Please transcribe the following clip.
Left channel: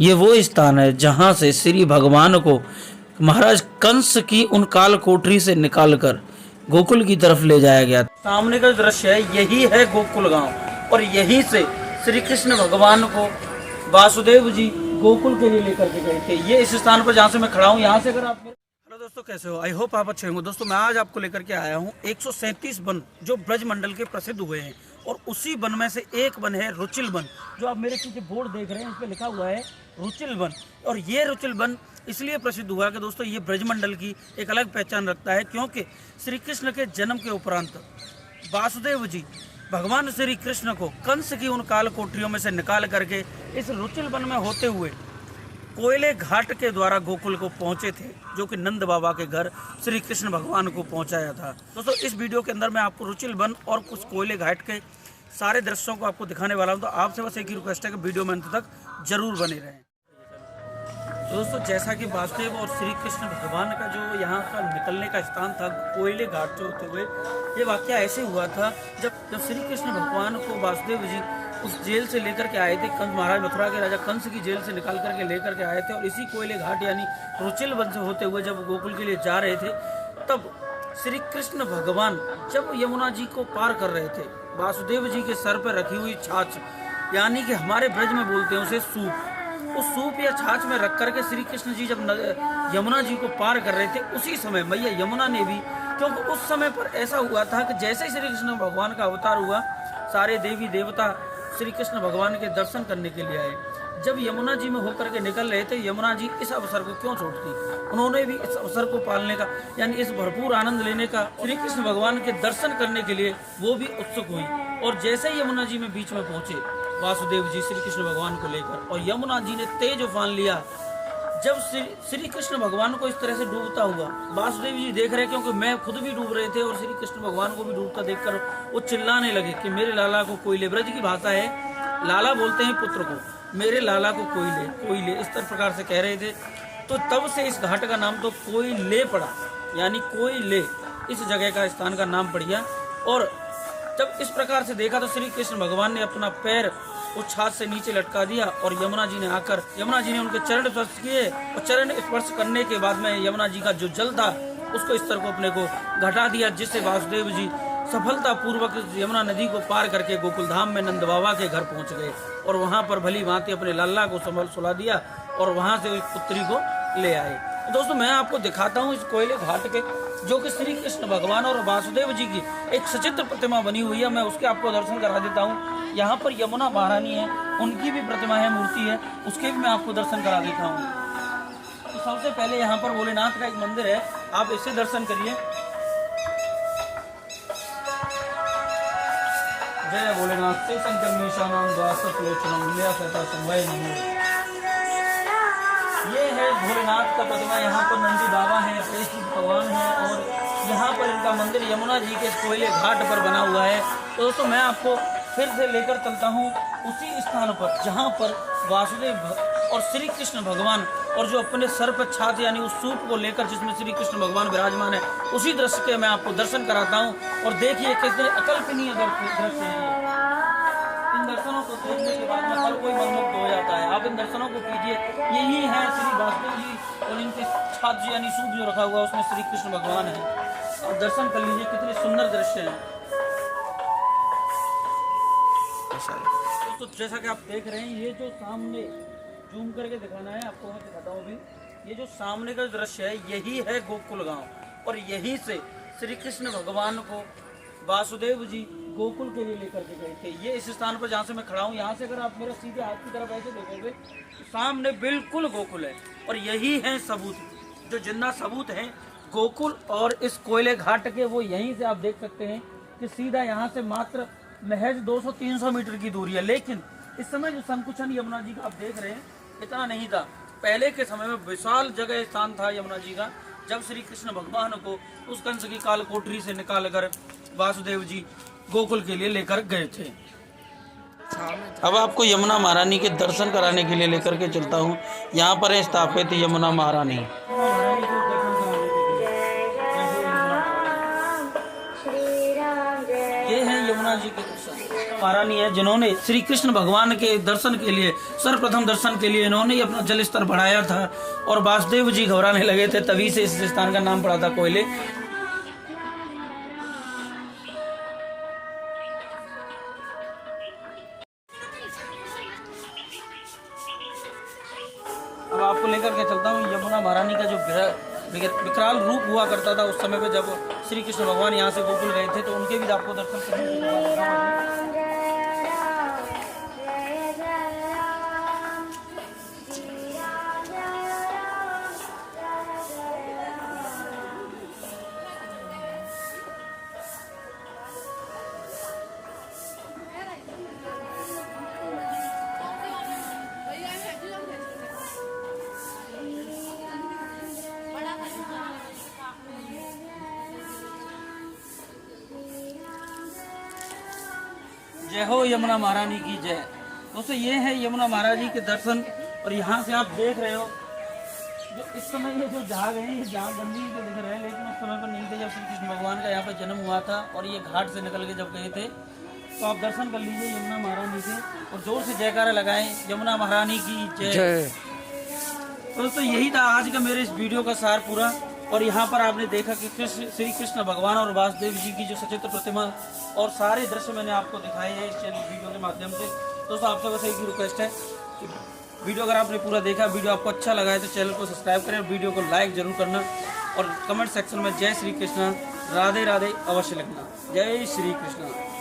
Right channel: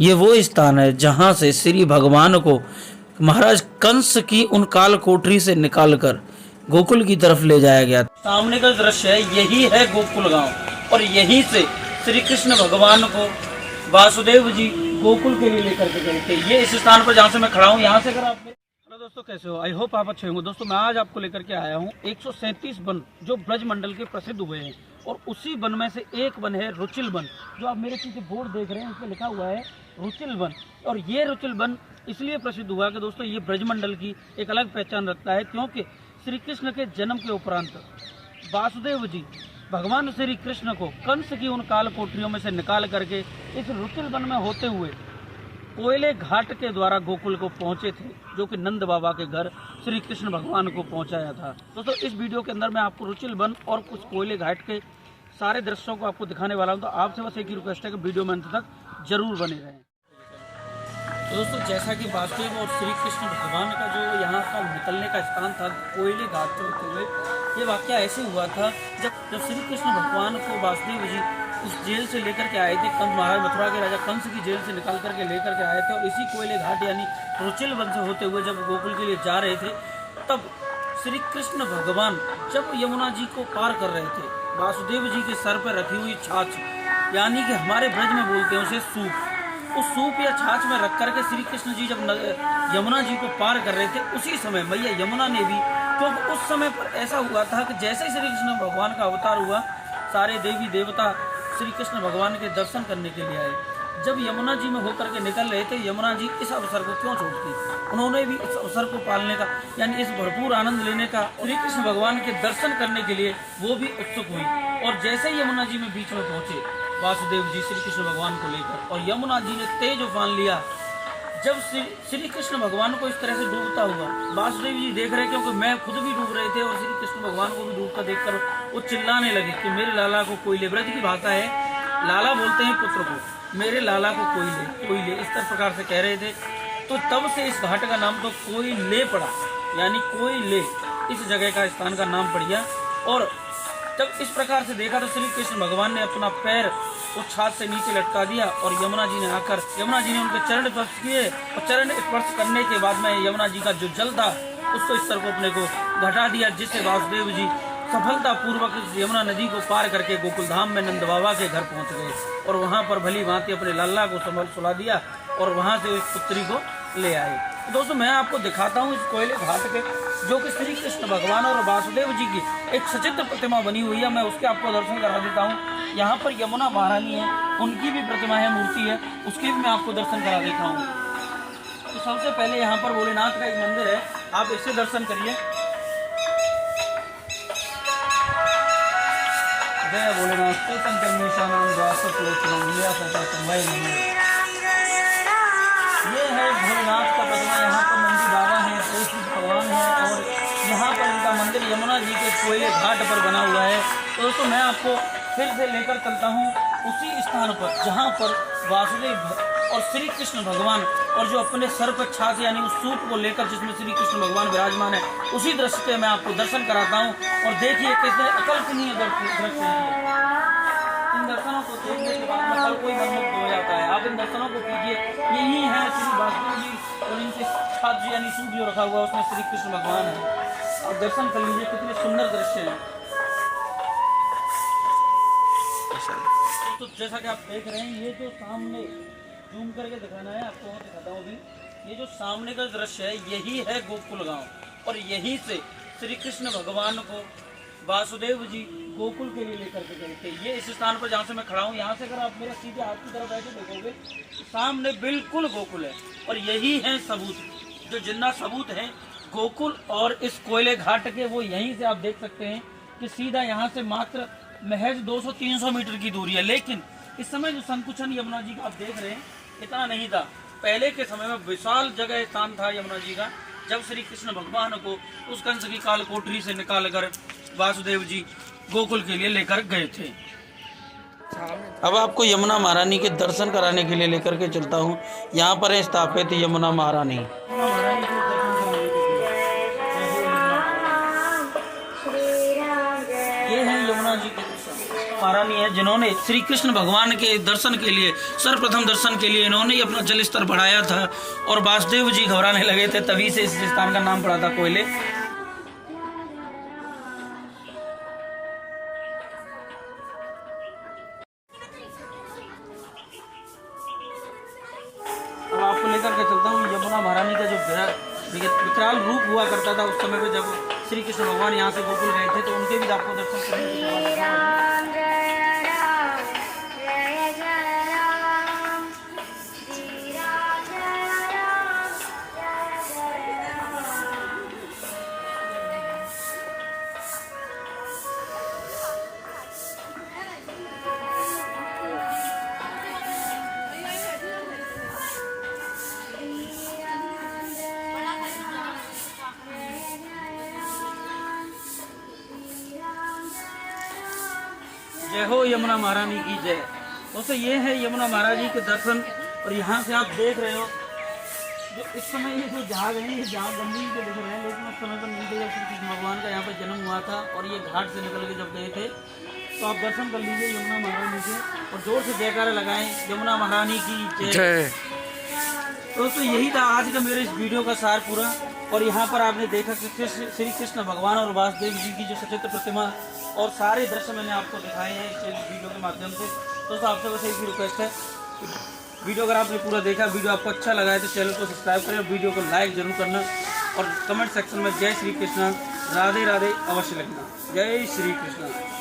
ये वो स्थान है जहाँ से श्री भगवान को महाराज कंस की उन काल कोठरी से निकालकर गोकुल की तरफ ले जाया गया। सामने का दृश्य है, यही है गोकुल गांव और यहीं से श्री कृष्ण भगवान को वासुदेव जी गोकुल के लिए लेकर के गए थे। ये इस स्थान पर जहाँ से मैं खड़ा हूँ, यहाँ से अगर आप हेलो दोस्तों, कैसे हो? आई होप आप अच्छे होंगे। दोस्तों मैं आज आपको लेकर के आया हूँ 137 वन जो ब्रज मंडल के प्रसिद्ध हुए हैं और उसी वन में से एक वन है रुचिल वन। जो आप मेरे पीछे बोर्ड देख रहे हैं उस पर लिखा हुआ है रुचिल वन। और ये रुचिल वन इसलिए प्रसिद्ध हुआ कि दोस्तों ये ब्रजमंडल की एक अलग पहचान रखता है, क्योंकि श्री कृष्ण के जन्म के उपरांत वासुदेव जी भगवान श्री कृष्ण को कंस की उन काल कोठरियों में से निकाल करके इस रुचिल वन में होते हुए कोयले घाट के द्वारा गोकुल को पहुंचे थे, जो कि नंद बाबा के घर श्री कृष्ण भगवान को पहुंचाया था। दोस्तों इस वीडियो के अंदर मैं आपको रुचिल वन और कुछ कोयले घाट के सारे दृश्यों को आपको दिखाने वाला हूं, तो आपसे बस एक ही रिक्वेस्ट है कि वीडियो में अंत तक जरूर बने रहें। दोस्तों जैसा कि वासुदेव और श्री कृष्ण भगवान का जो यहाँ का निकलने का स्थान था कोयले घाट जो होते हुए, ये वाकया ऐसे हुआ था जब श्री कृष्ण भगवान को वासुदेव जी उस जेल से लेकर के आए थे। कंस महाराज मथुरा के राजा कंस की जेल से निकाल करके लेकर के आए थे और इसी कोयले घाट यानी रुचिल वन से होते हुए जब गोकुल के लिए जा रहे थे, तब श्री कृष्ण भगवान जब यमुना जी को पार कर रहे थे, वासुदेव जी के सर पर रखी हुई छाछ यानी कि हमारे ब्रज में बोलते हैं उसे सूप, उस सूप या छाछ में रख करके श्री कृष्ण जी जब यमुना जी को पार कर रहे थे, उसी समय मैया यमुना ने भी, क्योंकि उस समय पर ऐसा हुआ था कि जैसे श्री कृष्ण भगवान का अवतार हुआ, सारे देवी देवता श्री कृष्ण भगवान के दर्शन करने के लिए आए। जब यमुना जी में होकर के निकल रहे थे, यमुना जी इस अवसर को क्यों छोड़ती, उन्होंने भी इस अवसर को पालने का यानी इस भरपूर आनंद लेने का, श्री कृष्ण भगवान के दर्शन करने के लिए वो भी उत्सुक हुई। और जैसे ही यमुना जी में बीच में पहुंचे वासुदेव जी श्री कृष्ण भगवान को लेकर, और यमुना जी ने तेज उफान लिया। जब श्री कृष्ण भगवान को इस तरह से डूबता हुआ वासुदेव जी देख रहे, क्योंकि मैं खुद भी डूब रहे थे और श्री कृष्ण भगवान को भी डूबता देखकर वो चिल्लाने लगे कि मेरे लाला को कोयले, ब्रज की भाषा है, लाला बोलते हैं पुत्र को, मेरे लाला को कोयले कोयले, इस तरह प्रकार से कह रहे थे। तो तब से इस घाट का नाम तो कोयले पड़ा, यानी कोयले इस जगह का स्थान का नाम पड़ गया। और जब इस प्रकार से देखा तो श्री कृष्ण भगवान ने अपना पैर उस छाछ से नीचे लटका दिया और यमुना जी ने आकर, यमुना जी ने उनके चरण स्पर्श किए और चरण स्पर्श करने के बाद में यमुना जी का जो जल था उसको इस तरह को अपने को घटा दिया, जिससे वासुदेव जी सफलता पूर्वक यमुना नदी को पार करके गोकुल धाम में नंद बाबा के घर पहुंच गए और वहां पर भली भांति अपने लाला को संभल सुला दिया और वहां से उस पुत्री को ले आए। तो दोस्तों मैं आपको दिखाता हूँ इस कोयले घाट पे, जो कि श्री कृष्ण भगवान और वासुदेव जी की एक सचित्र प्रतिमा बनी हुई है। मैं उसके आपको दर्शन करा देता हूँ। यहाँ पर यमुना महारानी है, उनकी भी प्रतिमा है, मूर्ति है, उसके भी मैं आपको दर्शन करा देता हूँ। तो सबसे पहले यहाँ पर भोलेनाथ का एक मंदिर है, आप इससे दर्शन करिए। जय भोलेनाथ ये है भोलेनाथ का प्रतिमा। यहाँ पर नंदी बाबा है, भगवान है और यहाँ पर उनका मंदिर यमुना जी के कोयले घाट पर बना हुआ है। तो दोस्तों मैं आपको फिर से लेकर चलता हूँ उसी स्थान पर जहाँ पर वासुदेव और श्री कृष्ण भगवान और जो अपने सर पर छाछ यानी उस सूप को लेकर जिसमें श्री कृष्ण भगवान विराजमान है, उसी दृश्य पे मैं आपको दर्शन कराता हूँ। और देखिए कितने अकल्पनीय दृश्य हैं। इन दर्शनों को देखने के बाद में हर कोई मनमुग्ध हो जाता है। आप इन दर्शनों को कीजिए। यही है श्री वासुदेव जी और इनके छाछ जी यानी सूप जो रखा हुआ है उसमें श्री कृष्ण भगवान है। और दर्शन कर लीजिए, कितने सुंदर दृश्य हैं। तो जैसा कि आप देख रहे हैं, ये जो सामने जूम करके दिखाना है आपको, मैं दिखाता हूँ अभी। ये जो सामने का दृश्य है यही है गोकुल गांव और यहीं से श्री कृष्ण भगवान को वासुदेव जी गोकुल के लिए लेकर के गए थे। ये इस स्थान पर जहाँ से मैं खड़ा हूँ, यहाँ से अगर आप मेरे सीधे हाथ की तरफ ऐसे देखोगे, सामने बिल्कुल गोकुल है और यही है सबूत, जो जिंदा सबूत है गोकुल और इस कोयले घाट के, वो यहीं से आप देख सकते हैं कि सीधा यहाँ से मात्र महज 200-300 मीटर की दूरी है। लेकिन इस समय जो संकुचन यमुना जी का आप देख रहे हैं इतना नहीं था। पहले के समय में विशाल जगह स्थान था यमुना जी का, जब श्री कृष्ण भगवान को उस कंस की काल कोठरी से निकालकर वासुदेव जी गोकुल के लिए लेकर गए थे। अब आपको यमुना महारानी के दर्शन कराने के लिए लेकर के चलता हूँ। यहाँ पर है स्थापित यमुना महारानी। ये है यमुना जी की महारानी है। हैं जिन्होंने श्री कृष्ण भगवान के दर्शन के लिए, सर्वप्रथम दर्शन के लिए इन्होंने ही अपना जल स्तर बढ़ाया था और वासुदेव जी घबराने लगे थे, तभी से इस स्थान का नाम पड़ा था कोयले। अब आपको लेकर के चलता हूँ यमुना महारानी का जो विकराल रूप हुआ करता था उस समय पे, जब श्री कृष्ण भगवान यहाँ से गोकुल गए थे, तो उनके भी आपको दर्शन करने की जय हो यमुना महारानी की जय। दोस्तों ये है यमुना महारानी के दर्शन, और यहाँ से आप देख रहे हो जो इस समय ये जो झाग है, ये झाग गंदी के दिख रहे हैं, लेकिन उस समय पर नहीं थे जब श्री कृष्ण भगवान का यहाँ पर जन्म हुआ था, और ये घाट से निकल के जब गए थे। तो आप दर्शन कर लीजिए यमुना महारानी के, और जोर से जयकारा लगाएं यमुना महारानी की जय। दोस्तों यही था आज का मेरे इस वीडियो का सार पूरा। और यहाँ पर आपने देखा कि श्री कृष्ण भगवान और वासुदेव जी की जो सचित्र प्रतिमा और सारे दृश्य मैंने आपको दिखाए हैं इस वीडियो के माध्यम से। दोस्तों आपसे बस एक ही रिक्वेस्ट है कि वीडियो अगर आपने पूरा देखा, वीडियो आपको अच्छा लगा है तो चैनल को सब्सक्राइब करें, वीडियो को लाइक जरूर करना, और कमेंट सेक्शन में जय श्री कृष्ण, राधे राधे अवश्य लिखना। जय श्री कृष्ण।